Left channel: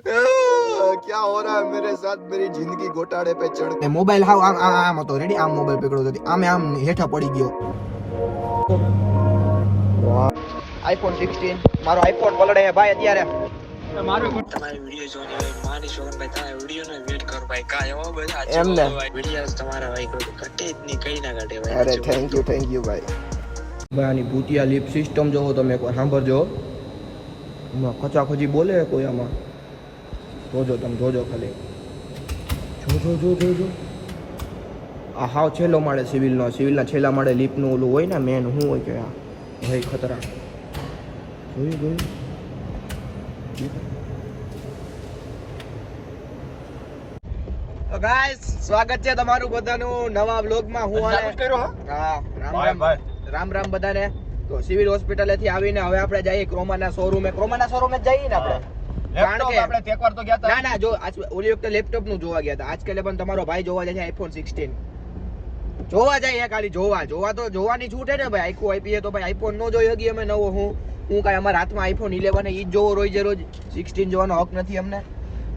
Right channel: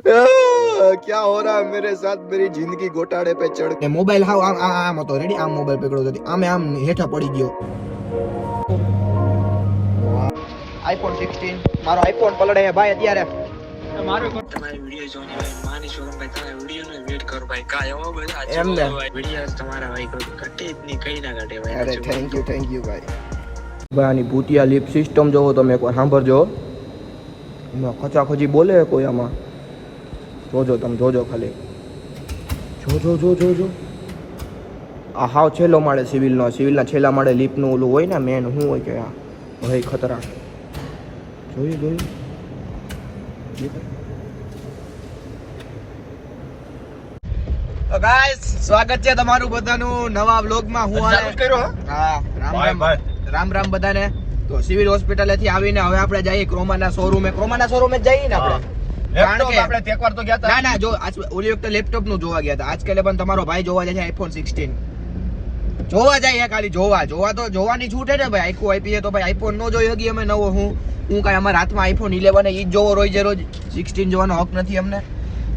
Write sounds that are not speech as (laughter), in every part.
(laughs) ક્યાં હો રહા મેરે સાથ મેરી જિંદગી ગોટાળે પે ચડ મોબાઈલ હાવ આમ આમ હતો. રેડી આમ મોબાઈલ પકડો હતો આમે આમ હેઠા પડી ગયો. આઈફોન 16 મારો આઈફોન પકડે ભાઈ અત્યારે. તમારી વીડિયો જોઈને ભાઈ તમારા વીડિયો વેટ કરો ભાઈ. કાય એવો બધા એમને વીડિયો તમારા ભાઈ ઘટે કઈ ઘટે ભાઈ. અરે થેન્ક યુ થેન્ક યુ ભાઈ. ભાઈ ભૂતિયા લિપ સિસ્ટમ જોવો તમે એકવાર સાંભળજો. એમાં ખચાખચી બોલે કોઈ આમાં? જોજો તમે જોજો ખાલી. જો જો જો જો. જો આ હાવ છેલ્લો માળે સિવિલનો સિવિલના છેલ્લા માળે લીપનું ઓલું હોય ને મેન શું હોય કે આ ભાઈ ખતરા. જોયું જોયું ગાઈસ સ્વાગત છે તમારું બધાનું નવા વ્લોગમાં હું હા? રામ રામ. રામ રામ બધાને. તો સિવિલ હોસ્પિટલેથી આવીને હવે આપણે જઈએ ક્રોમાના શોરૂમે ક્રોમાના શોરૂમે જ જઈએ ને આપણે? કારણ કે આપણે તો ગયા ના ના જો આજ ઓલી વખતે લેપટોપનું જોવા ગયા હતા આજકાલે પણ તમારો ભાઈ જોવા જાય છે આઈફોન 16 જોવા જાય ખાલી જોવા. જોવા તો જોવાની છૂટ ને ભાઈ. આઈકુ આઈપીએ તો ભાઈ આઈફોન નો જોઈ હગી અમે નવો હું. હું કાંઈ અમારા હાથમાં આઈફોન 11 ઈ જ જોવો રોજ રોજ. 16 જોવાનો હક નથી અમને.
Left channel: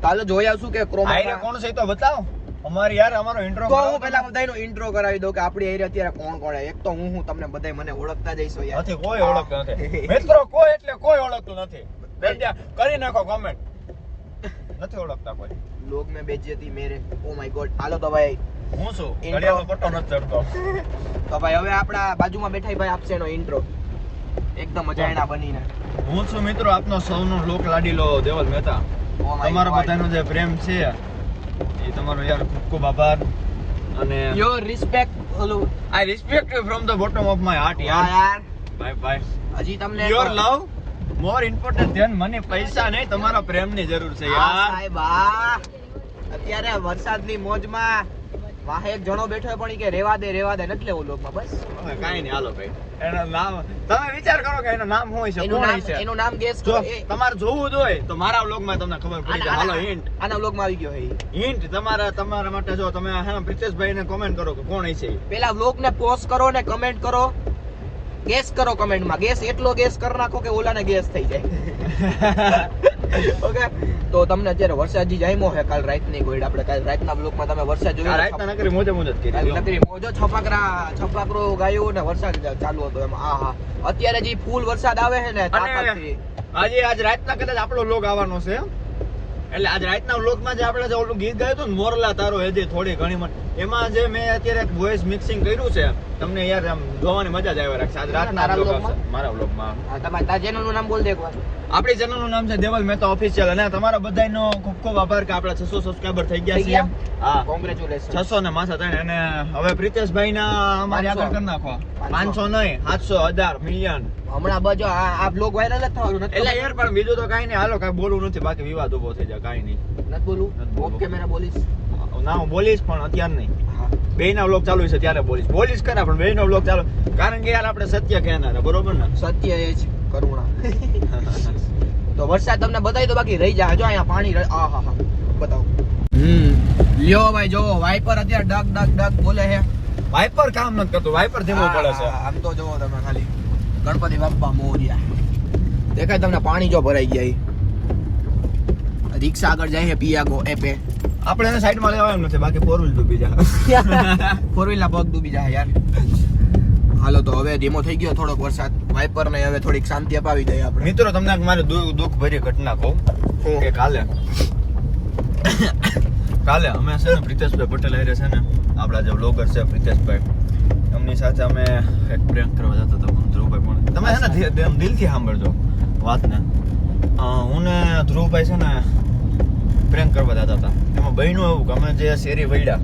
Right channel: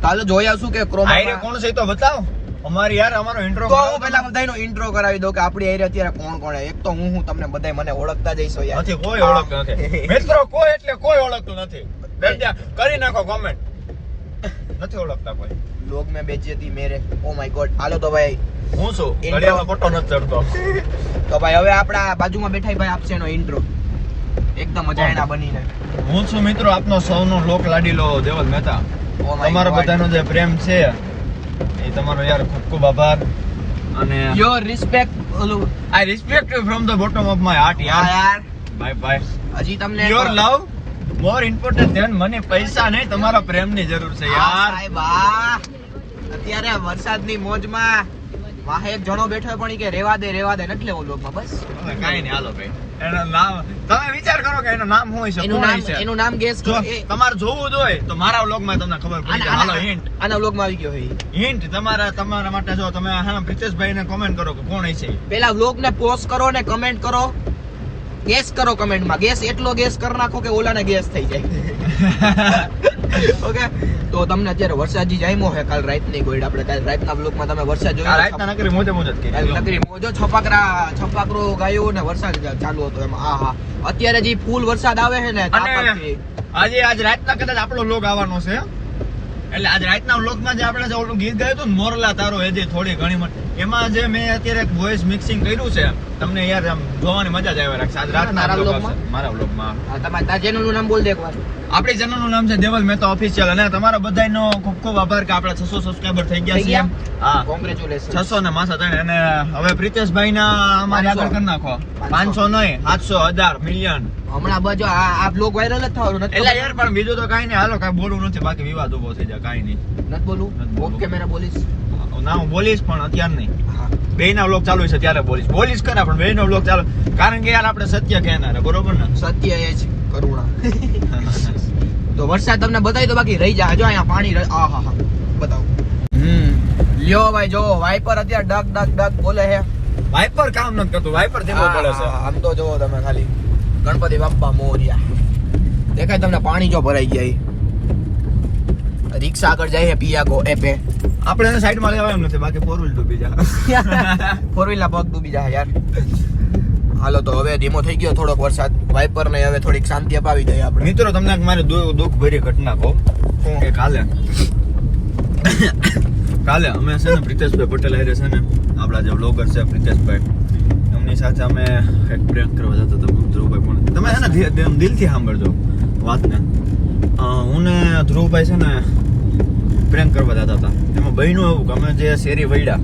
હાલો જોઈ આવશું કે ક્રોમ ક્રોમા કોણ છે તો બતાવો. અમારી યાર અમારો ઇન્ટ્રો તો હું પહેલા બધાયનો ઇન્ટ્રો કરાવી દઉં કે આપણી એરિયા અત્યારે કોણ કોણ. એક તો હું હું તમને બધાય મને ઓળખતા જઈશો યાર. નથી કોઈ ઓળખતું નથી. મિત્રો કોઈ એટલે કોઈ ઓળખતું નથી. બેટા, કરી નાખો કોમેન્ટ નથી ઓળખતા કોઈ. લોગ મે બેજતી મેરે ઓ માય ગોડ હાલો તો ભાઈ હું છું. ઘડિયાળનો ફોટો નથી ચડતો. તો ભાઈ હવે આપણા બાજુમાં બેઠા ભાઈ આપશે એનો ઇન્ટ્રો એકદમ મજા એના બનીને. હું છું મિત્રો આપનો સૌનો લોક લાડીલો દેવલ મહેતા. ઓ માય તમારો બધાનો જે પ્રેમ છે તમારો યાર ખૂબ ખૂબ આભાર. અને યોર રિસ્પેક્ટ ઓલો I respect you from the bottom of my heart યાર. યાર. બાય બાય હજી તમને your love more important than મને પૈસા નહીં તમારા પ્રેમની જરૂર છે યાર. સાહેબ આ અત્યારે વરસાદની મોજમાં વાહે એક જણો બેઠો પણ કે રેવા દે રેવા દે નથી લેવો લોકમાં બસ. કાંઈ નહીં હાલો ભાઈ. એનું નામ તમે વિચાર કરો કે એનું નામ શું છે એનું નામ? એનું નામ ગેસ કરો તમારે જોવું જ હોય તો મારા વ્લોગમાં તમને ખબર પડી. હાલો આના હિન્ટ આના વ્લોગમાં આવી ગયો હે હિન્ટ તમારા તમારા માટે જો તમે હા પ્રિતેશભાઈને કોમેન્ટ કરો કે કોણ છે. પેલા વ્લોગ ને પોસ્ટ કરો ને કમેન્ટ કરો ગેસ કરો કમેન્ટમાં. ગેસ એટલો ગેસ કરી નાખો કે ઓલાને ગેસ થઈ જાય. (laughs) ઓકે? તો તમને અત્યારે વરસાદ જી જામ્યો હે કાલ રાતની ગોઈડ આપણે કાલ રાતના બ્લોકમાં તમે વરસાદ જોયો રાતના નકરી મોજે મોજ જ નકરી મોજો છપાકરા છપાકરો ગાયો ને વરસાદ ચાલુ હતો એમાં. આ હા. અત્યારે જે ફૂલ વરસાદ આવે છે ને તાપથી આજે આજ રાતના કદાચ આપણો લોગ આવવાનો છે એટલે આજ રાતના વ્લોગમાં જે આપણે જે ઓલું ગીત ગાયું હતું ને મોરલા તારો હેજે થોડી ઘણી એમાં જે મેં અત્યારે વોઇસ મિક્સિંગ કર્યું છે તમને યાર આમ જોવાની મજા જ આવે રાખશે. આજ રાતના તારા vlog મારા વ્લોગમાં તમારે નામ બોલ દે એકવાર આપણી ચેનલનું નામ છે દેવલ મહેતા ઓફિશિયલ અને તમારા બધાનો ખૂબ ખૂબ આભાર કે આપણા છસો સબસ્ક્રાઇબર થઈ ગયા છે હા. કોંગ્રેચ્યુલેશન છસો ને માસા તણે અને હવે પ્રિતેશભાઈ ના અમારે. આગળ કરી નાખો. પાંચસો. નહીં સાતસો હજાર મિલિયન હમણાં બાજુ આ બ્લોગ વાયરલ જ થવાનું નથી એટલે યાર પણ બીજું તો કાઈ નહીં. હાલો કાઈ બોલવું નથી. બાકી વિવાદ ઊભો થઈ જાય કાઈ નહીં. નથી બોલવું? ઓકે મેરા બોલીશ. ના હું બોલીશ પણ અત્યારે નહીં. હા. બે વ્લોગ ચાલુ છે ત્યારે બોલીશ. બોલીશ ખરા પણ બે વ્લોગ ચાલુ. કારણ કે યાર આપણે સત્ય કહેનાર બરોબર ને? સત્ય એ જ. કરુણા. (laughs) તો વરસાદ તમને બતાવી તો બાકી રહી જાય જો અહીંયા પાણી આ હા હા બતાવો. હમ. લ્યો ભાઈ જો વાઇપર અત્યારે ડગ ડગ ડગ બોલે છે. વાઇપર કામ નથી કરતું વાઇપર જેવો પડે છે. આમ તો જો તમે ખાલી ગણપતિ બાપ્પા મોરિયા. દેખાય તમને પાણી જો ભરાઈ ગયા રિક્ષા આગળ જાય હે પિયાગો એપે. આપણે સાઈડમાં લેવાનું છે બાકી ફોર વ્હીલ ડૂબી જાય. (laughs) ફોર વ્હીલ ના પગ ડૂબી જાય યાર. હાલો તો હવે ધીમો થઈ ગયો થોડોક વરસાદ વાઇપર ને હવે થોડીક શાંતિ અપાવી દઈએ આપણે. મિત્રો તમને મારે દુઃખ ભરી ઘટના કહું. કે કાલે કાલે અમે છે ને પ્રિતેશભાઈ પટેલ હારે છે ને આપણા જે બ્લોગર છે પ્રિતેશભાઈ એમની સાથે અમે એક પ્રેમ કરવા જતા હતા ધ્રુવભાઈ પણ. તમે છે ને દિલથી સાંભળજો વાતને. હું ને ધ્રુવભાઈ છે ને પ્રેમ કરવા જતા હતા. એમાં બહેનું આવું કે અમે જે શેરી વૈડા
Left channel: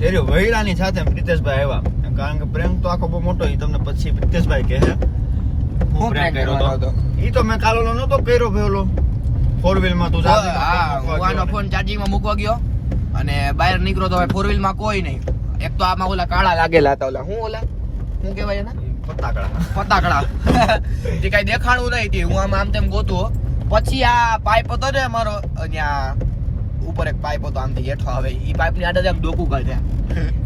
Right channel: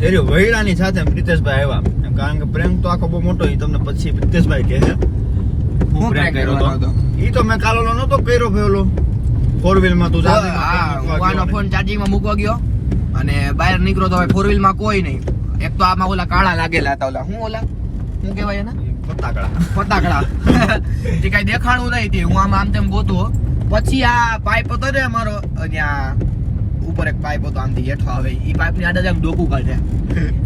શેરી વૈડાની સાથે પ્રિતેશભાઈ આવ્યા. કારણ કે પ્રેમ તો આખો બહુ મોટો એ તમને પછી પ્રિતેશભાઈ કહે છે. હું પ્રેમ કર્યો હતો? એ તો મેં કાલોલો નતો કર્યો પેલો ફોર વ્હીલમાં તું જા હા હું આનો ફોન ચાર્જિંગમાં મૂકવા ગયો અને બહાર નીકળ્યો તો હવે ફોર વ્હીલમાં કોઈ નહીં. એક તો આમાં ઓલા કાણા લાગેલા હતા ઓલા. હું ઓલા? શું કહેવાય એના? પતાકડા ફટાકડા. (laughs) તે કઈ દેખાડવું નહીં તે. હું આમ આમ તેમ ગોતો. પછી આ પાઇપ હતો ને અમારો ત્યાં ઉપર એક પાઇપ હતો આમથી હેઠો આવે. એ પાઇપની આડે આમ ડોકું કાઢે.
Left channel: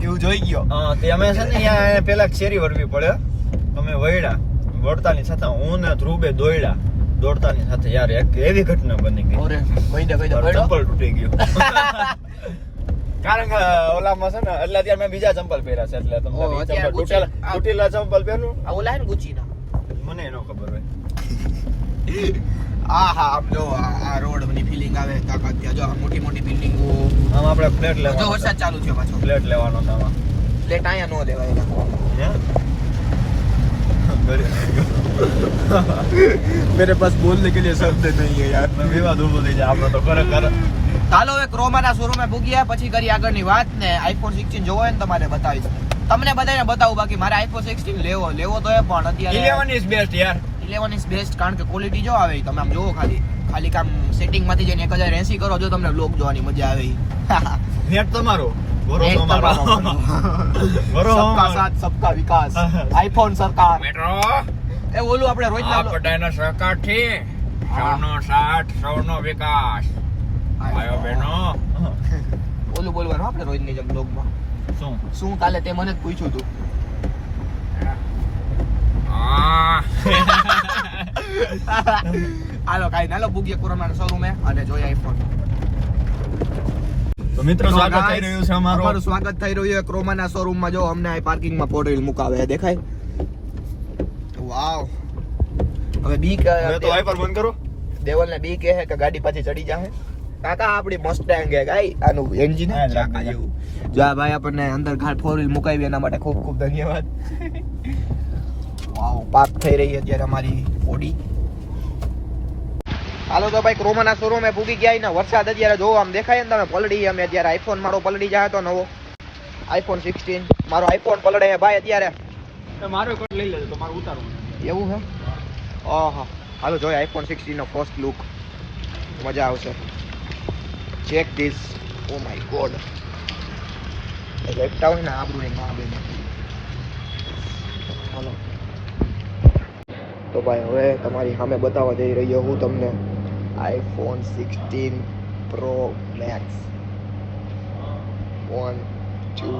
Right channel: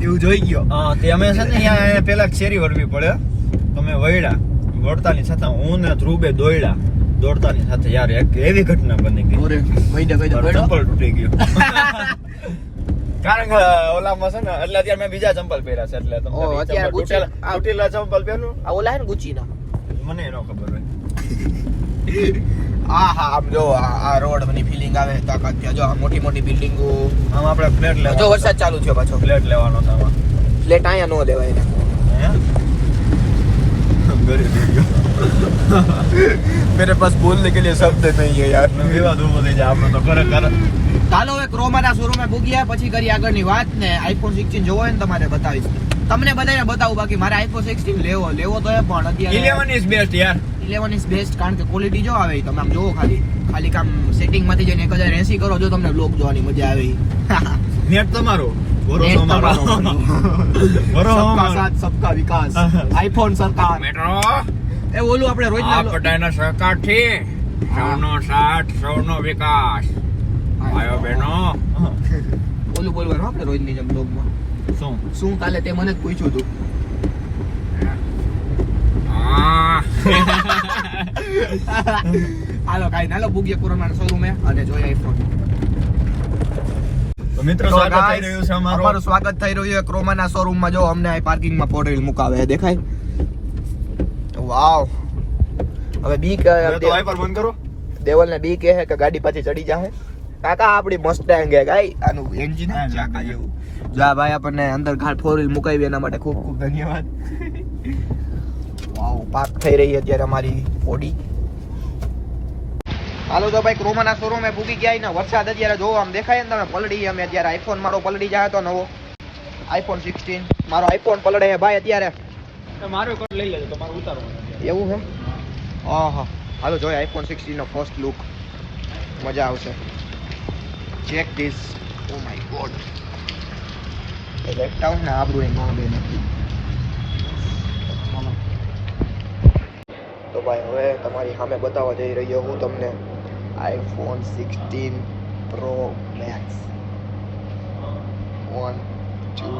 એવું જોઈ ગયો. હા તે અમે છે ને અહીંયા એને પેલા શેરી વળવી પડે. અમે વળ્યા. વળતાની સાથે હું ને ધ્રુવે દોડ્યા દોડતાની સાથે યાર એક એવી ઘટના બની ગઈ. ઓરે વૈદા મારું ચંપલ તૂટી ગયું. (laughs) કારણ કે ઓલામાં છે ને એટલે અત્યારે મેં બીજા ચંપલ પહેર્યા છે એટલે તમને ગુચી- તૂટેલા ચંપલ પહેરું આ ઓલા હે ને ગુચીના મને ન ખબર હોય. આ હા આમ જો આ આ રોડ ની ફિલિંગ આવે તાકાત ત્યાં જો આ મોટી મોટી બિલ્ડિંગો આમ આપણે ફ્લેટ જો લેવાનો વરસાદ ચાલુ થયો પાછો ફ્લેટ લેવાનો છે આમાં ફ્લેટ અહીંયા નો દેવાય એના मेरे पास बोलने के लिए शब्द नहीं है यार વિવાદ ઉભો થઈ જાય આપણો તો ખરેખર ચાલો એક ક્રોમાના શોરૂમે પૂગ્યા પછી કરી આગળની વાત ને આઈફોન 16 જોવો હોય ને તમારે બતાવીશ તમને બધાને બતાવું બાકી મારે આઈફોન 16 લેવો લેવો તો એ પણ અત્યારે 11 ઇઝ બેસ્ટ યાર 11 ઇઝ બેસ્ટ કારણ કે ક્વોલિટી જો આવે તમે આમ જુઓ ખાલી. ખાલી કામ સેટિંગમાંથી જઈને 1080 કરો જો તમને બ્લોક જોવાની મજા આવે નેટ (laughs) તમારો. (laughs) સબકા વિકાસ. (laughs) આઈફોન સરકાર. એ ઓલું આપણે રોજના આ સરકાર છે. સૌનો સાથ સૌનો વિકાસ. ભાઈઓ બહેનો. ઓલું બોલવાનું આપણે રોજની જેમ બ્લોગમાં શું? શું કાલે તે મને જ પૂછ્યું હતું હાલો કાઈ ના લો બુગીએ કોરોના શોરૂમે અને જોઈએ આઈફોન મિત્રો સ્વાગત થઈ રહ્યું છે અમારું. અમારું સ્વાગત થઈ રહ્યું છે ક્રોમાના શોરૂમમાં જો અમને આ પાર્કિંગમાં ફોર વ્હીલ મુકાવે દેખાય? વાવ. હવે બી હવે તો વાઇપર બંધ કરો બી કહે કે ગાડી પાછી ચડી જાહે. કાકા આપણી મસ્ટેંગ હે ગાઈ. આનું એન્જિન ચાકા જેવું. જો આ ભાઈ આપણને અંદર ઘાટ ફોર વ્હીલ મુકાવી એના માટે ખૂબ ખૂબ ધન્યવાદ. પાર્ક થઈ રહી અત્યારે અમારી બોડી હાલો તો ભાઈ ક્રોમાના શોરૂમે ભૂગી ગયા ને વરસાદ અત્યારે જોવો આમ દેખાય ને તમે પલડી અમે અત્યારે. આઈફોન મારો પલડી જાય તો નવો. આઈફોન સિક્સટીન મારો આઈફોન પલડે ભાઈ અત્યારે. મારો કોડ લઈ લેજો તમારું ઉતારો એવું છે? આહા. હાલો જોઈએ આઈફોન સિક્સટીનનો ફર્સ્ટ લુક મજા આવશે. Check this oh my God એ લોટતા ને આબરૂ એ નો બે હાલો. તો ભાઈ હવે તમારી સામે બતાવવા જઈ રહ્યો હું તમને iPhone sixteen pro max one two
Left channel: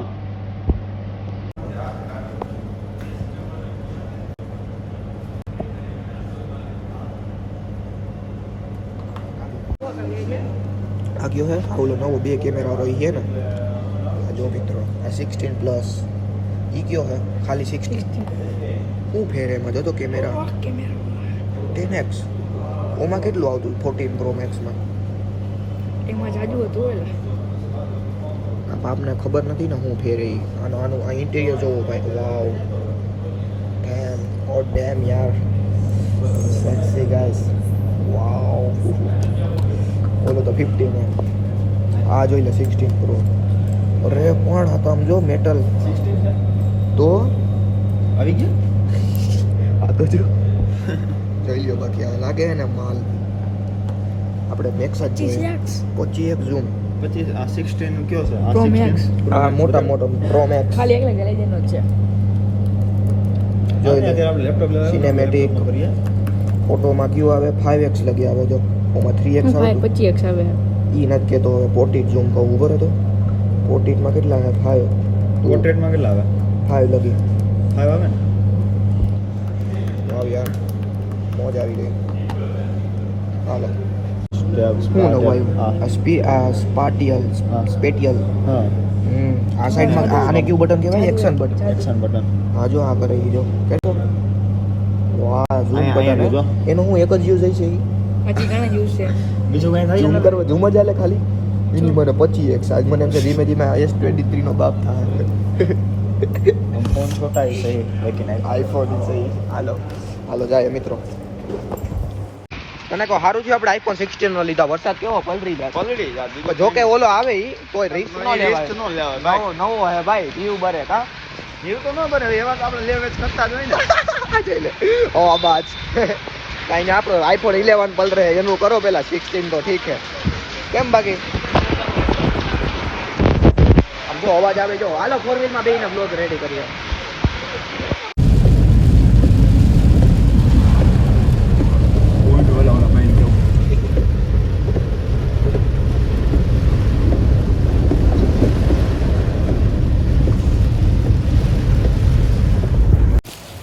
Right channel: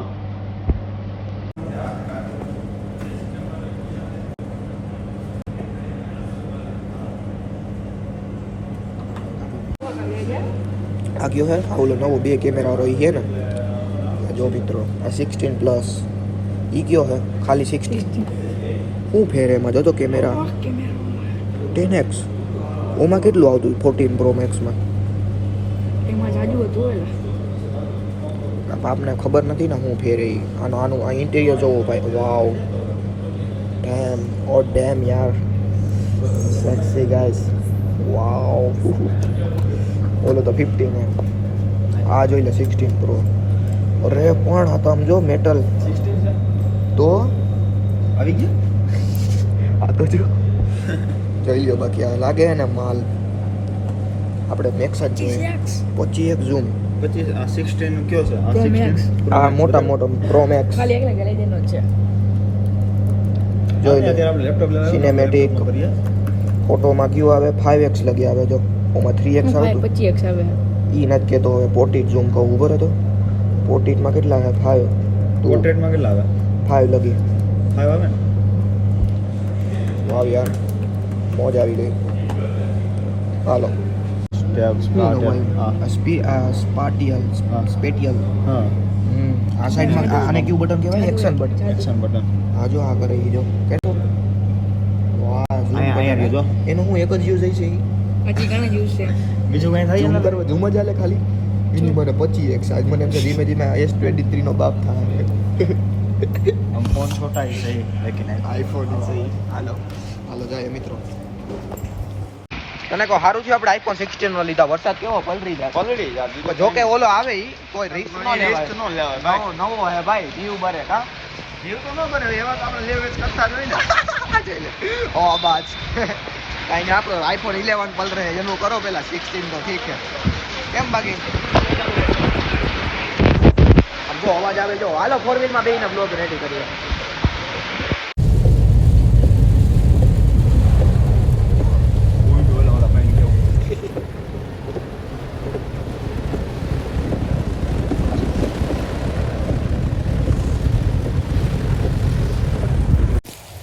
આ ગયો હે આ ઓલો નવો બે કેમેરા વાળો ઈ હે ને. આ જો મિત્રો આ સિક્સટીન પ્લસ ઈ કયો હે ખાલી સિક્સટીન શું ફેર એમાં? જોતો કેમેરા. ટેન એક્સ ઓમાં કેટલું આવતું ફોર્ટીન પ્રો મેક્સમાં એમાં જાજુ હતું આ બાપને ખબર નથી ને હું ફેરી આનું આનું આ ઇન્ટિરિયર જોવો ભાઈ. વાવ ડેમ ઓ ડેમ યાર. સેક્સી ગાઈસ વાવ ઓલો તો ફિફ્ટીન આ જોઈ લે સિક્સટીન પ્રો અરે પણ આ તો આમ જો મેટલ તો? આવી ગયો? આ તો જો. જોઈ લો બાકી આ લાગે ને માલ. આપણે મેક્સ જ જોઈએ. પચી એક ઝૂમ પછી આ 16 કયો છે? Pro Max. આ મોટા મોટો પ્રો મેક્સ ખાલી એકલા ગેલેરીનો જ છે. જોઈ લે. Laptop Cinematic. ફોટોમાં કયું આવે? ફાઈવ એક્સ લગી આવે જો. ઓમાં થ્રી એક્સ આવે. ઈ નથી કહેતો હવે પોર્ટ્રેટ ઝૂમ કહું ઊભો રહેતો પોર્ટ્રેટમાં કેટલા ફાઈવ પોર્ટ્રેટમાં કેટલા આવે? ફાઈવ લગી. ફાઈવ આવે? વાવ યાર. મોજ આવી ગઈ હાલો. સ્પાટિયલ સ્પેટિયલ હમ આ સાઈડમાં આને કેવું બટન કહેવાય? એક્શન બટન એક્શન બટન હા જો આ કરે જો કેટલો વાહ ઝૂમ અહીંયા- અહીંયા જો. એનો હું એક જ યુઝ છે ઈ. હજી ઘણા યુઝ છે. બીજું કઈ ઝૂમ કરવા ઝૂમ જ આલે ખાલી. એની મને પચી એક સાઈઝ મને એમ કે ધીમે ધીમે એસ ટ્વેન્ટી થ્રી નો બાપ થાય. हम फोन छोटा ही सही लेकिन આઈફોન છે હાલો હાલો જાય મિત્રો તને કહો સારું થયું આપણે આઈફોન સિક્સટીન નો લીધા વરસાદ કેવો પલરી જાય પલરી જાય જો કે ઓલો આવે ઈ કોઈ રિસ્ક ન લેવાય નો લેવાય નવો નવો હે ભાઈ જીવ બરે કા જીવ તો ન બને એવા તો આપણે લેવેચ કરતા જ હોય ને જોઈ લે ઓ બાજ કાઈ ને આપણો આઈફોન ઇલેવન પલ રહે એનું કરો પેલા સિક્સટીન તો ઠીક છે કેમ બાકી આમ જો, અવાજ આવે, જો. હાલો ફોર વ્હીલમાં બેહીને બ્લોગ રેડી કરીએ.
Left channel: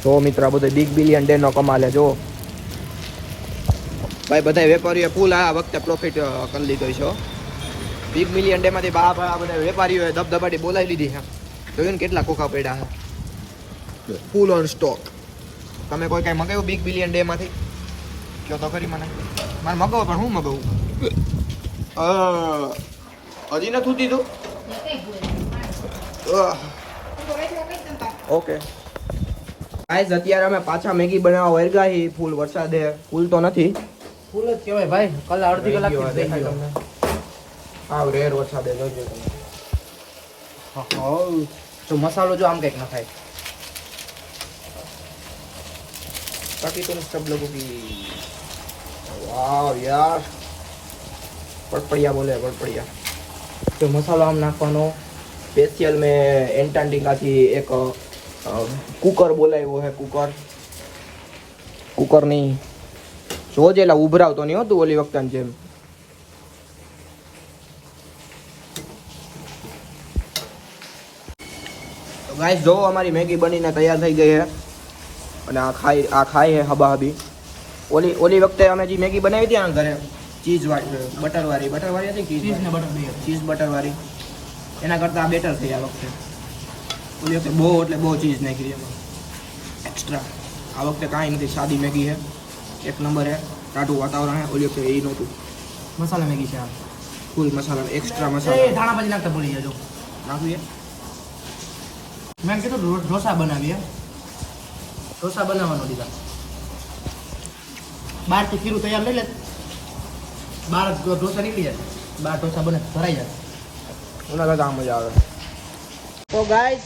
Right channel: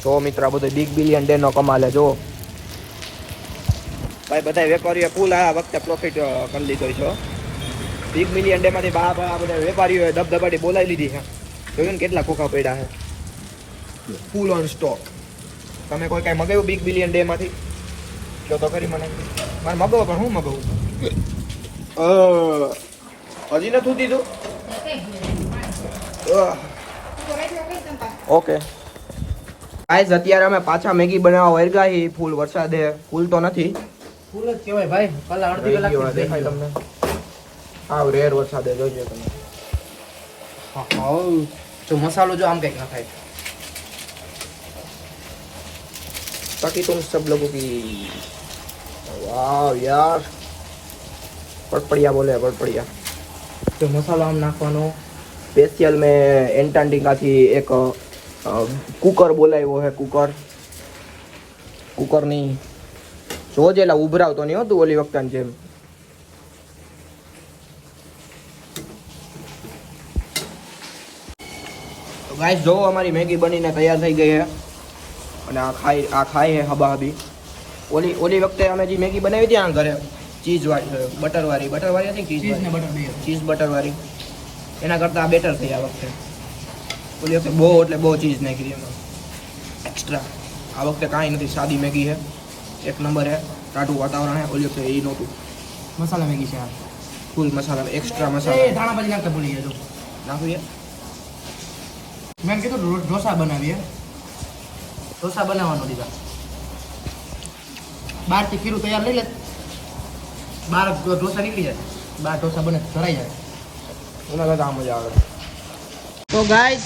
તો મિત્ર, આ બધો બિગ બિલિયન ડે નો કમાલ જો. ભાઈ બધા વેપારીએ ફૂલ આ વખતે પ્રોફિટ કરી લીધો છે બિગ મિલિયન ડેમાંથી બહાર આ બધા વેપારીઓએ ધબધબાટી બોલાવી લીધી છે. જોયું ને કેટલા કોખા પડ્યા છે. ફૂલ ઓન સ્ટોક તમે કોઈ કાંઈ મગાવ્યું બિગ બિલિયન ડેમાંથી જો તો ખરી મને. મારે મગાવો પણ હું મગાવું? હજી નથી દીધું? ઓકે. ગાઈઝ અત્યારે અમે પાછા મેગી બનાવવા વર્ગા ફૂલ વરસાદે. ફૂલ તો નથી. ફૂલ જ કહેવાય ભાઈ. કાલે અડધી કલાક આવ રેર વરસાદે જોજો તમે જો મસાલો જો આમ કઈક ન થાય ताकि तुम सब लोगों की वाह यार पड़पड़िया बोले पड़पड़िया જો મસાલો આમ નાખવાનો स्पेशल में एंटार्टिका થી એક અ, કુકર બોલાવ્યો હે કુકર કુકર નહીં જોજે એલા ઉભરાવતો નહીં હતું ઓલી વખતે જેમ ગાઈસ જો અમારી મેગી બનીને તૈયાર થઈ ગઈ છે અને આ ખાઈ આ ખાઈ છે હબા હબી ઓલી ઓલી વખતે અમે જે મેગી બનાવી હતી આ ઘરે ચીઝ વાળી બટર વાળી. બટર વાળી હતી ચીઝ ચીઝ ને બટર ચીઝ બટર વાળી. એના કરતાં આ બેટર થઈ આ વખતે. ઓલી વખતે બહુ એટલે બહુ ચીઝ નાખી એમાં. એક્સ્ટ્રા આ વખતે કાંઈ નથી સાદી મેગી છે એક નંબર છે ટાટું વાતાવરણ છે ઓલી વખતે એ નહોતું. મસાલા મેગી છે ફૂલ મસાલા એક્સ્ટ્રા મસાલા. ધાણા ભાજી નાખતા ભૂલી જજો. નાખીએ મેં કીધું ઢોસા બનાવીએ. ઢોસા બનાવવાનો દીધા. બહારથી ખીરું તૈયાર લઈ લે. બહાર ઢો- ઢોસા નીકળી જાય. બહાર ઢોસા બને ભરાઈ જાય. એના કરતાં મજા આવે. તો ગાઈસ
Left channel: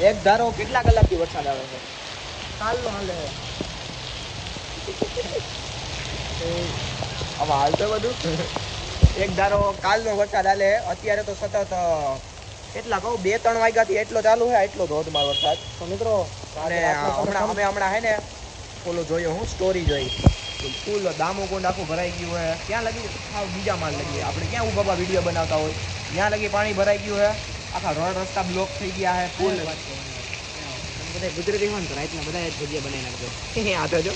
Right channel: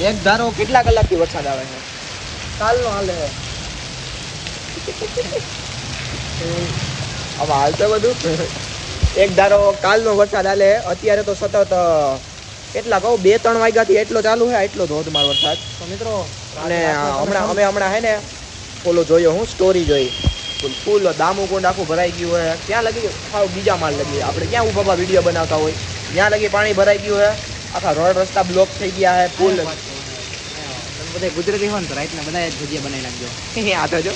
એક ધારો કેટલા કલાકથી વરસાદ આવે છે? કાલનો હાલે હવે હાલ તો બધું. (laughs) એક ધારો કાલનો વરસાદ હાલે અત્યારે તો સતત કેટલા કહું બે ત્રણ વાગ્યાથી એટલો ચાલુ છે એટલો ધોધમાર વરસાદ. મિત્રો અને હમણાં અમે હમણાં હે ને ઓલો જોયો હું સ્ટોરી જોઈ. ફૂલ દામુકુંડ આખું ભરાઈ ગયું હોય ક્યાં લગી ખાવ બીજા માળ લગી. આપણે ક્યાં ઊભા વીડિયો બનાવતા હોય? ત્યાં લગી પાણી ભરાઈ ગયું હોય આખા રોડ રસ્તા બ્લોક થઈ ગયા છે ફૂલ. બધા ગુજરાતી હોય ને તો રાતના બધા ભજીયા બનાવી નાખજો. આ તો જો.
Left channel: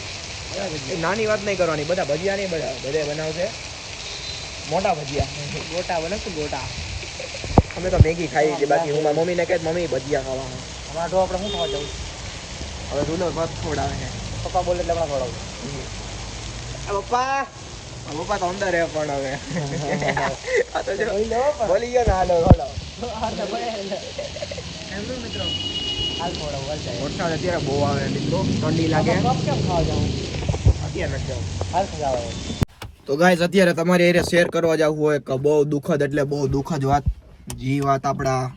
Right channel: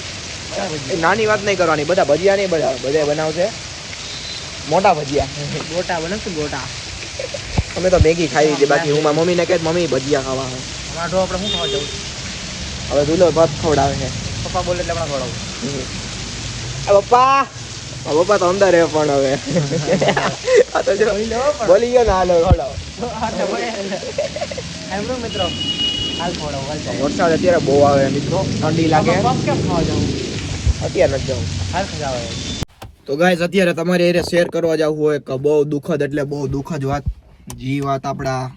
નાની વાત નહીં કરવાની બધા ભજીયા નહીં બધા બધા બનાવશે. મોટા ભજીયા. ગોટા બને મોટા. અમે તો મેગી ખાઈ લીધી બાકી હું મારી મમ્મીને કહે મમ્મી ભજીયા ખાવા જવું? હવે ધૂલો ભાત ખવડાવે છે. પપ્પા પપ્પા! તો અંદર રહે પણ હવે. આ તો જો બોલી ગયો ને હાલો ખવડાવો. મિત્રો. વરસાદ અત્યારે બહુ આવે મિત્રો. ઠંડી લાગે. અત્યારે નથી જવું. તો ગાઈઝ અત્યારે તમારે એને શેર કરવા જવું હોય કે બહુ દુઃખદ એટલે બહુ દુઃખદ વાત જી વાત આપણા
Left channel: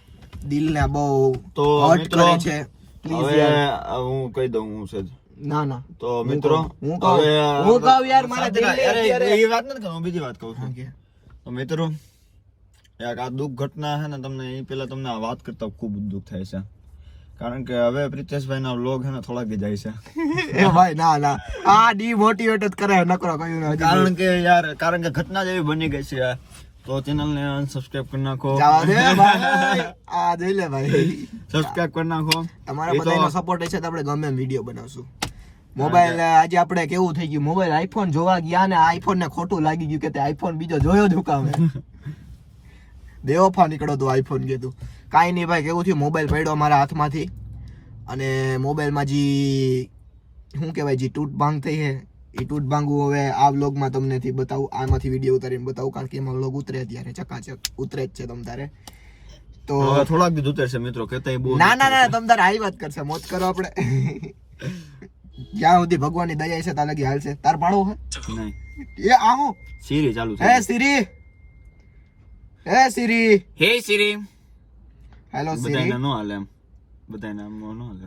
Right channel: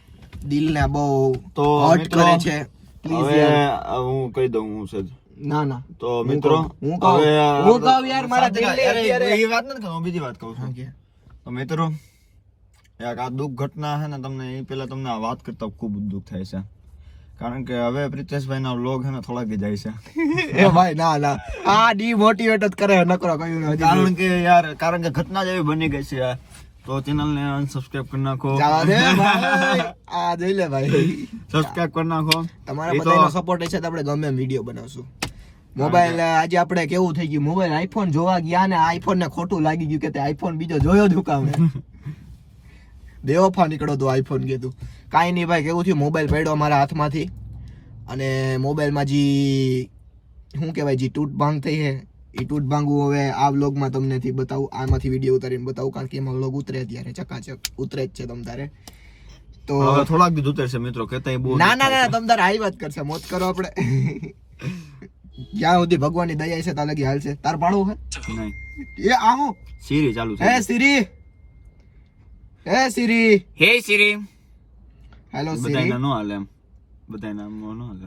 દિલને બહુ તો હર્ટ કરે છે. હવે હું કહી દઉં હું સજ ના ના. તો મિત્રો હું કહું. હું કહું યાર, મારા દિલને અત્યારે- એ વાત નથી કહું, બીજી વાત કહું છું. તો મિત્રો યાર આ દુઃખ ઘટના છે ને તમને એ પેલા તમને વાત કરતા ખૂબ દુઃખ થાય છે. કારણ કે હવે પ્રિતેશભાઈ ના વ્લોગ હે ને થોડાક જાય છે. (laughs) એ ભાઈ ના ના. આ ડીમોટિવેટ જ કરે નકરો કયું કારણ કે યાર કારણ કે ઘટના જ એવી બની ગઈ છે યાર. તો ચેનલ ને અનસબસ્ક્રાઇબ કરી નાખો. જવા દે ભાઈ. (laughs) આ જોઈ લે ભાઈ. સબસ્ક્રાઇબ કરી નાખો. તમારા બધાનો સપોર્ટ છે તો આપણે ગમે એમ વીડિયો બનાવશું. મોબાઈલ આજે આપણે કેવું થઈ ગયું? મોબાઈલ આઈફોન જોવા ગયા ને આઈફોન ને ખોટું લાગી ગયું કે તે આઈફોન બીજો જોયો જ હુકામે. (laughs) બેવફા નીકળો તો આઈફોન કીધું કાંઈ નહીં ભાઈ કેવું થયું? મોબાઈલ પડ્યો મારા હાથમાંથી. અને મોબાઈલમાં જે શું કહેવાય જે તૂટ ભાંગ થઈ છે. એ તૂટ ભાંગું હવે આ વ્લોગમાં તમને થી બતાવું આમાંથી વિડીયો ઉતારીને બતાવું કારણ કે એમાં વ્લોગ ઉતરે અત્યારે ચકાચક ઉતરે જ છે તમ તારે તો હવે થોડાક દી ઉતરશે મિત્રો કેતા બહુ ના ના ના તમ તારે આવી વાત કરશે મોત કરો આપણે જ્યાં સુધી ભગવાનની દયા છે ત્યાં લગી હાલશે તાર પાડવું નહીં હે એ આવો સીરી ચાલુ હે છે સિરી હે સિરી હે સીરી हेलो બધાને सिरी નો હાલે એમ બધાને આમ નો હાલે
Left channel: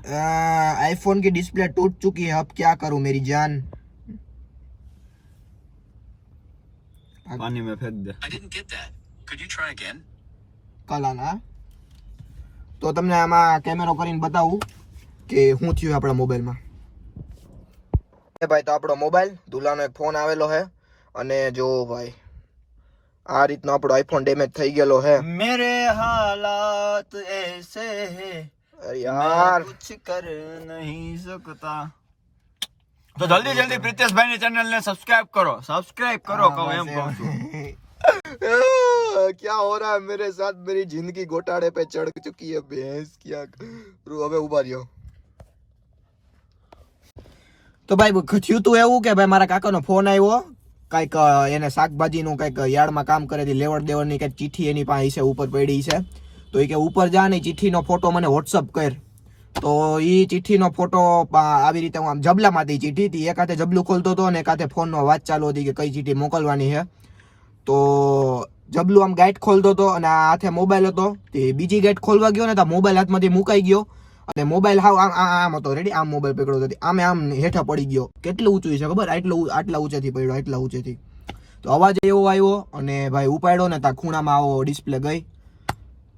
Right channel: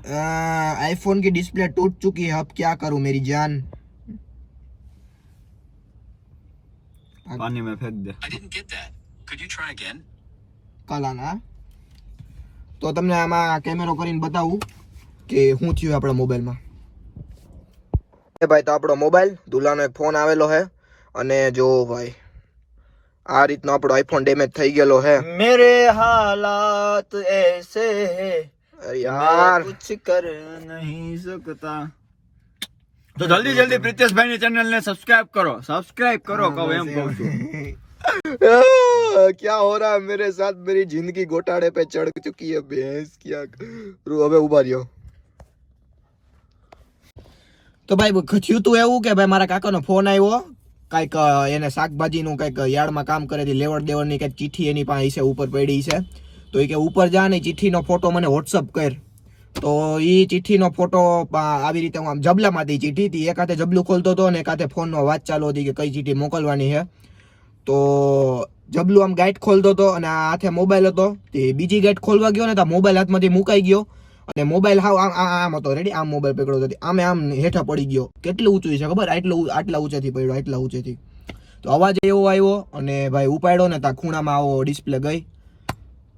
आईफोन की डिस्प्ले टूट चुकी है अब क्या करूं मेरी जान પાણી में फेंक दे I didn't get that. Could you try again? કલ આના તો તમને આમાં કેમેરો કરીને બતાવું કે શું થયું આપણા મોબાઈલમાં એ ભાઈ તો આપણો મોબાઈલ દુલાનો એક ફોન આવેલો છે અને જો ભાઈ આ રીતનો આપણો આઈફોન ડેમેજ થઈ ગયેલો છે मेरे हालात ऐसे हैं અરે યાર कुछ कर नहीं सकता તો જલ્દી જલ્દી પ્રિતેશભાઈ ની ચેનલ ને સબસ્ક્રાઇબ કરો સબસ્ક્રાઇબ કરો કહું એમ કહું છું क्या हो रहा है मेरे साथ मेरी जिंदगी घोटाले पे चढ़ चुकी है भैंस क्या करूं? હવે ઉભા રહ્યો તો ભાઈ થયું તું એવું કે ભાઈ મારા કાકાનો ફોન આવ્યો કાંઈક અ, એને શાકભાજીનું કાંઈક યાર્ડમાં કામ કરે છે લેવડ દેવડની કાંઈક ચિઠ્ઠી એની પાસે છે ઉપર પડી છે તો એ કે ઉપર જા ને ઈ ચિઠ્ઠીનો ફોટો મને વોટ્સઅપ કર તો એ ચિઠ્ઠીનો ફોટો આવી રીતે હું આમ જબલામાંથી ચિઠ્ઠી હતી. એક હાથે જબલું ખોલતો હતો ને એક હાથે ફોનનો વાત ચાલુ હતી કે કઈ ચિઠ્ઠી મોકલવાની છે. તો જબલું આમ ગાઈટ ખોલતો હતો અને આ હાથે મોબાઈલ હતો. તે બીજી ગાઈટ ખોલવા ગયો ને તો મોબાઈલ હાથમાંથી મુકાઈ ગયો. અને મોબાઈલ હાવ આમ આમ હતો. રેડી આમ મોબાઈલ પકડ્યો હતો. આમે આમ હેઠા પડી ગયો. કેટલું ઊંચું છે ખબર? આટલું આટલા ઊંચેથી પડ્યો, આટલા ઊંચેથી. તો અવાજ એવો આવ્યો અને ભાઈ ઉપાડ્યો ને ત્યાં ખૂણામાં આવો ડિસ્પ્લે ગઈ.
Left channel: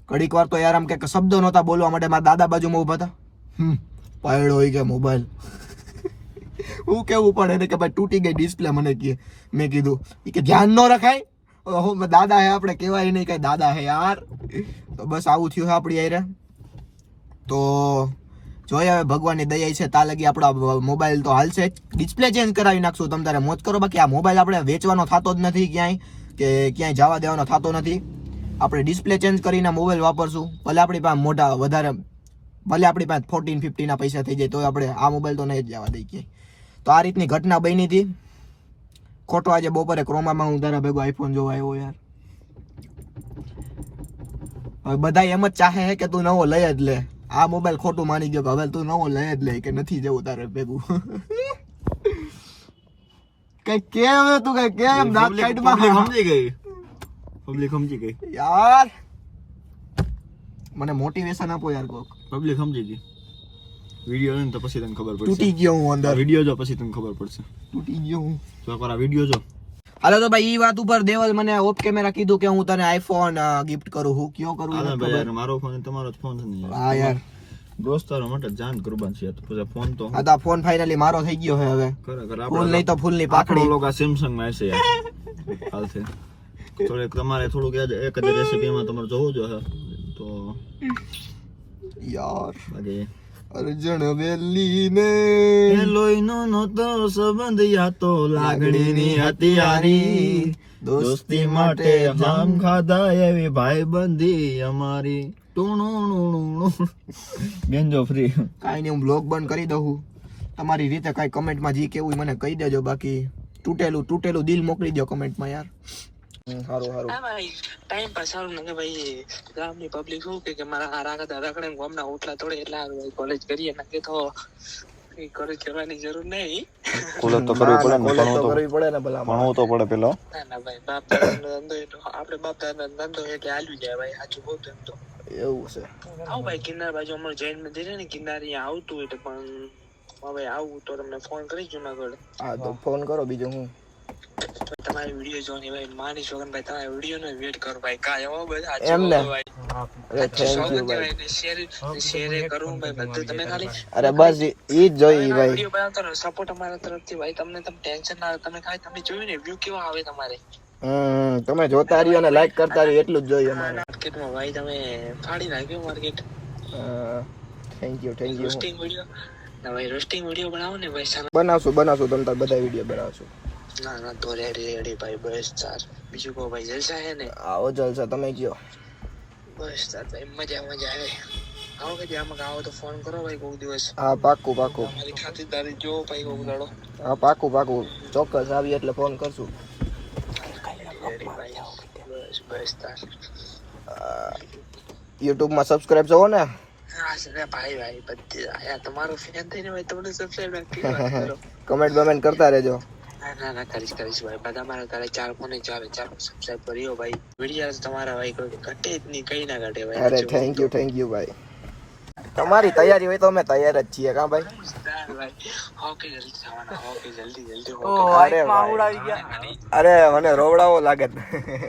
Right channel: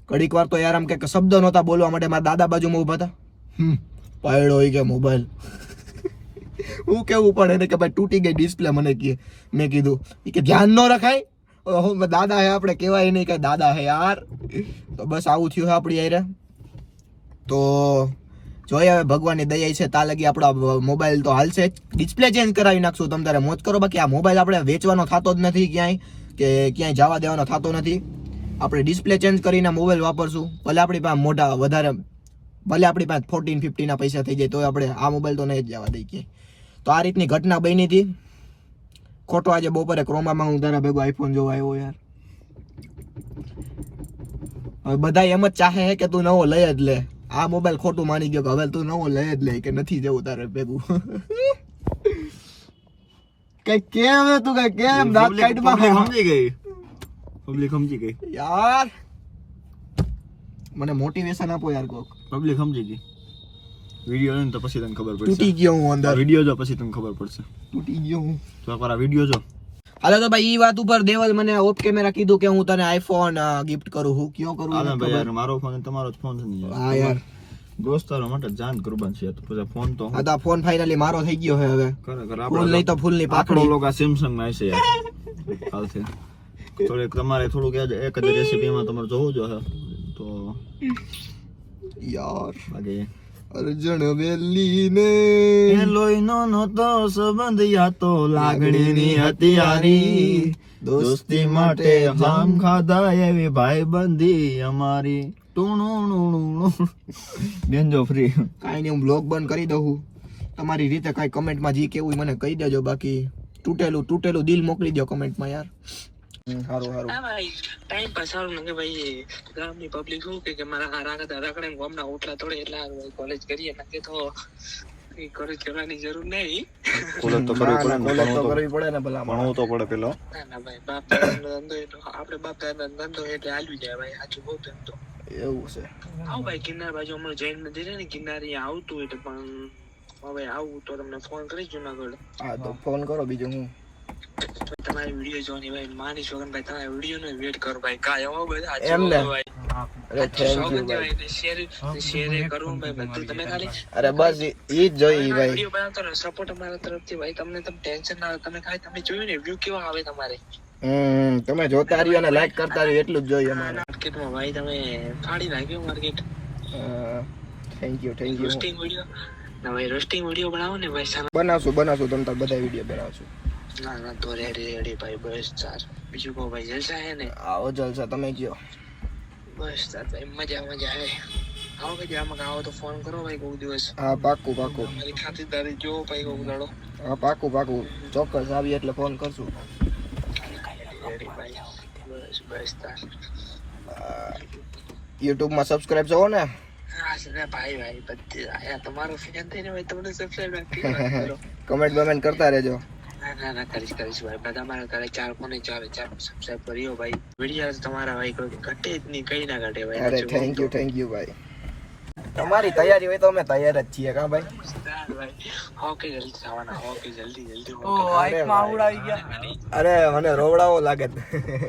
ઘડીક વાર તો યાર આમ કે શબ્દ નહોતા બોલવા માટે મારા દાદા બાજુમાં ઊભા હતા. પાડ્યો હોય કે મોબાઈલ હું કેવું પડે એને કે ભાઈ તૂટી ગઈ ડિસ્પ્લે મને કહે મેં કીધું. કે ધ્યાન ન રખાય. હો દાદા હે આપણે, કહેવાય નહીં કે દાદા હે યાર. તો બસ આવું થયું આપણી યારે તો જોઈએ હવે ભગવાનની દયા છે તા લગી આપણા મોબાઈલ તો હાલશે. ડિસ્પ્લે ચેન્જ કરાવી નાખશું, તમે તારે મોજ કરો. બાકી આ મોબાઈલ આપણે વેચવાનો થતો જ નથી ક્યાંય, કે ક્યાંય જવા દેવાનો થતો નથી. આપણે ડિસ્પ્લે ચેન્જ કરીને મોબાઈલ વાપરશું. ભલે આપણી પાસે મોટા વધારે ભલે આપણી પાસે ફોર્ટીન ફિફ્ટીના પૈસા થઈ જાય તો આપણે આ મોબાઈલ તો નહીં જ જવા દઈ કે તો આ રીતની ઘટના બની હતી. ખોટો આજે બપોરે ક્રોમામાં હું તારા ભેગો આઈફોન જોવા આવ્યો યાર. હવે બધા એમ જ ચાહે છે કે તું નવો લઈ જ લે. આ મોબાઈલ ખોટું માની ગયો કે હવે તું નવો લઈ જ લે કે નથી જવું તારે ભેગું. (laughs) કઈ કેમ તું કઈ કેમ? દાંત કાઢમાં સમજી ગઈ. પબ્લિક સમજી ગઈ. યાર. મને મોટિવેશન આપો યાર કોક. પબ્લિક સમજી ગઈ. વીડિયો ને તો પછી તને ખબર તૂટી પડશે ગયો હું અંદર. વીડિયો જો પછી તને ખબર પડશે. તૂટી ગયો હું. તો એકવાર આ વીડિયો જો. હાલો તો ભાઈ ઈ વાત ઉપર દેવલ મને ઓફ કેમેરા કીધું કે હું તને આઈફોન ગિફ્ટ કરું હું કયો કરું ભાઈ ખબર. મારો ફોન તમારો જ ફોન છે હા યાર. દોસ્તારો માટે જાન કુરબાન છે તો પછી ફોન તો આ ફોન ફાઇનલી મારો થઈ ગયો છે હવે. ખરેખર ફોન લઈ તો ફૂલની પાકડી લોકો સેમસંગમાં છે યાર. હાલશે થોડીક તમારે થોડુંક યાદ એક જ રેસીપીમાં તમારે જોવું જોઈએ તો યાર અરે અર્જુન વેલી ને લોહીનો નહોતો સંબંધ યા તો લાગણીની હતી હારી દોસ્તી માટે જામ ખાધા એવી ભાઈબંધી અમારી. ટુણુણુણુણુ. બેનજો ફ્રી કાંઈ નહીં હું બ્લોગ બંધ કરી દઉં તમારી રીતે કાંઈ કમેન્ટમાં જે કેવું મને કહી દેજો. બાકી તૂટેલું તૂટેલું દિલ મોકલી દો કમેન્ટમાં યાર. સારું હારું હા ભાઈ ટાઈમ પાસ સારું ને ભાઈ ગામની પબ્લિક શું કે કે મારા આ રાખતા રખડે ને ગામના ઓટલા તોડે એટલે કોલેજ કરીએ ને તો કઈ કોલેજ કરવાની જરૂર નહીં. કોલેજ તો કરવી પડે ને ભણવું તો કરવી પડે ને ભલા ભણવું તો પડે પેલા. ના ના ભાઈ બાપ દાદાનો ધંધો એટલો આપણે બાપ દાદાનો ધંધો એટલે હાલવી જાય ભાઈ સાચું બહુ તેમ તો. એવું છે. આવું ભાઈ કિનાર બાજુ અમારું જૈન મંદિર ને કિનારી આવતું એટલે પણ હવે આવું તો તમને ફોન કરી જુનાગઢ. હા તો ફોન કરો બીજો હું. તમારી વીડિયો જોવાની ભાઈ મારી શોગન ભાઈ તમારા વીડિયો નો વેટ કરો ભાઈ કા એવો બધા એમ ને? અરે બસ ઈ જ ભાઈ સપોર્ટ અમારા તરફથી ભાઈ તમને તમે ટેન્શન ના તમે ખાલી તમે જોયું ને વ્યૂ કેવા આવે તમારે હમ તમે જોતા રહ્યો અને લાઈક કરતા રહ્યો એટલું જ જોઈએ અમારે માર્કેટમાં ભાઈ તમે ફાડી નાખ્યો market thank you thank you roasting video ના ભાઈ રોસ્ટિંગ વીડિયો બનાવો ને ભાઈ બનાવશું બનાવશું તમે બધા વીડિયો બનાવશું ના ના તો રેડી રેડી ભાઈ બસ ચાર બીજું કહો ભાઈ જલસા હે ને? આવો જલસા તમે કયો? બસ ચાર ભાઈ મજા મજા આવે. આવો કે આમાં આવો તો ફોન કરો ભાઈ કોઈક દિવસ. હા પાકું પાકું મારી ખાતરદારી જો ભાઈ કોઈક દાડો હા પાકું પાકું ચોક્કસ આવી એટલે ફોન કરશું. રેડી ભાઈ. બસ બસ તાર યુટ્યુબમાં સબસ્ક્રાઇબ જોવો ને. હા સર ભાઈ ભાઈ બધી આયા. તમારો ફેન થઈને ભાઈ તમને સબસ્ક્રાઇબ રાખી કમેન્ટ બમેન્ટ કરતા રહેજો. ના ના કરીશ કરીશ ભાઈ. બધા મારા ઘરે ચાર કોને ચાલે ચાર સબસ્ક્રાઇબ કર્યો ભાઈ. વીડિયો તમારા ભાઈ કોઈ ઘટે જ નહીં કઈ ના ઘટે ભાઈ. અરે થેન્ક યુ થેન્ક યુ ભાઈ. તમારી તૈયારી હોય તો અમે તૈયાર જ છીએ કા ભાઈ? તો. તાર ભાઈ. હો કે જલ્દી થવાના હોકે જલ્દી જલ્દી હોકે ઓ કે આઈકમાં આવડાવી ગયા. અરે મને રોવડાવો લાગે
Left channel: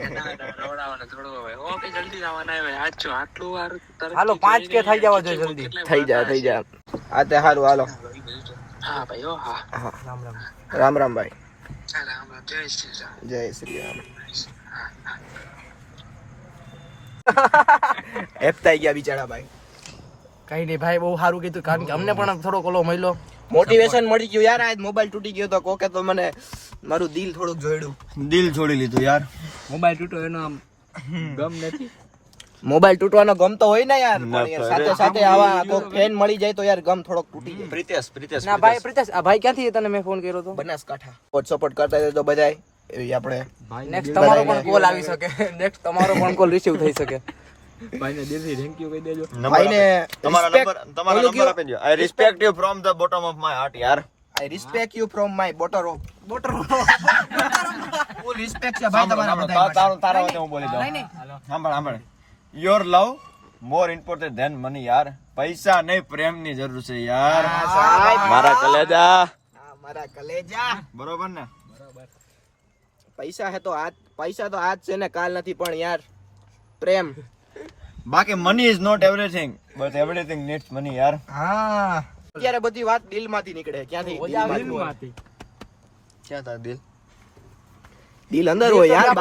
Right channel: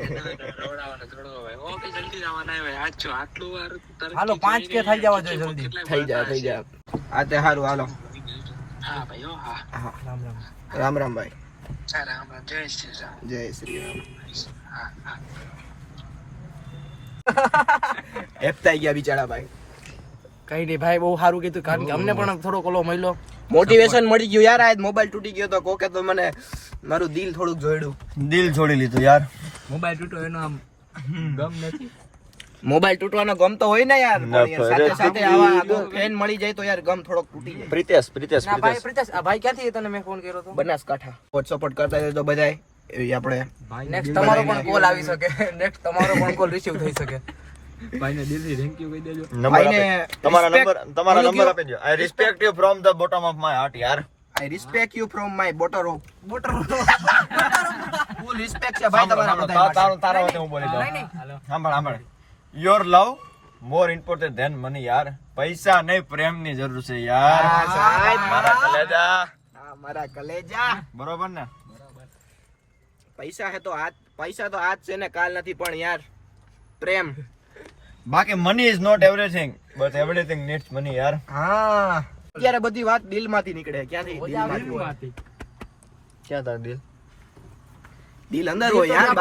ના, ના, થોડું ભાઈ. હોકે જલ્દી થવાના ભાઈ. સાચું આટલું વાર હાલો, પાંચ કે થઈ જવા જોઈએ જલ્દી. થઈ જા થઈ જા. આ તે સારું હાલો. હા ભાઈ ઓ હા. રામ રામ. રામ રામ ભાઈ. ચાલ રામ જય શ્રી રામ જય શ્રી રામ હા હા હેપતાઈ ગયા બિચારા ભાઈ કઈ નહીં ભાઈ બહુ સારું કીધું. કારણ કે અમને પણ થોડો કોલો મળ્યો. મોટિવેશન મળી ગયું યાર આજ મોબાઈલ તૂટી ગયો તો કોકે તો મને મારું દિલ થોડુંક જોડ્યું દિલ છોડી લીધું યાર. મોબાઈલ તૂટ્યો એનો આમ ગમ નથી. મોબાઈલ તૂટવાનો ગમ તો હોય ને યાર પણ સાથે સાથે આવા ફેન મળી જાય તો યાર ગમ થોડોક તૂટી જાય. પ્રિતેશ પ્રિતેશ ના ભાઈ પ્રિતેશ આ ભાઈ ક્યાંથી તને મેં ફોન કર્યો હતો બનાસકાંઠા. વોટ સપોર્ટ કરતા તો બધાય. એવી આપણે નેક્સ્ટ તમારો પણ કોલ આવી શકે. (laughs) નેક્સ્ટ તમારો પણ કોલ રિસીવ થઈ શકે. નંબર ભાઈને તમારા નંબર તમારા નંબર આપી દો I respect you from the bottom of my heart યાર. I respect you from my bottom of full respect છે ભાઈ તમારા સાંભળો. બધાય તા- તારું તારા વચ્ચે હું બોલી દઉં. સાંભળ સાંભળ. Your love more important than money યાર. પૈસા નહીં પ્રેમની જરૂર છે યાર. સાહેબ. મારા કલેજા. મારા કલેજા. બરોબર ને? પૈસા હે તો આજ પૈસા તો આજ છે ને કાલ નથી પણ યાર પ્રેમ. બાકી money is not everything but everything needs money યાર. હા. અત્યારે બધી વાત દિલમાંથી નીકળે ક્યાંથી? દિલમાંથી. ક્યાં તાર દિલ? દિલ અંદર હોય યાર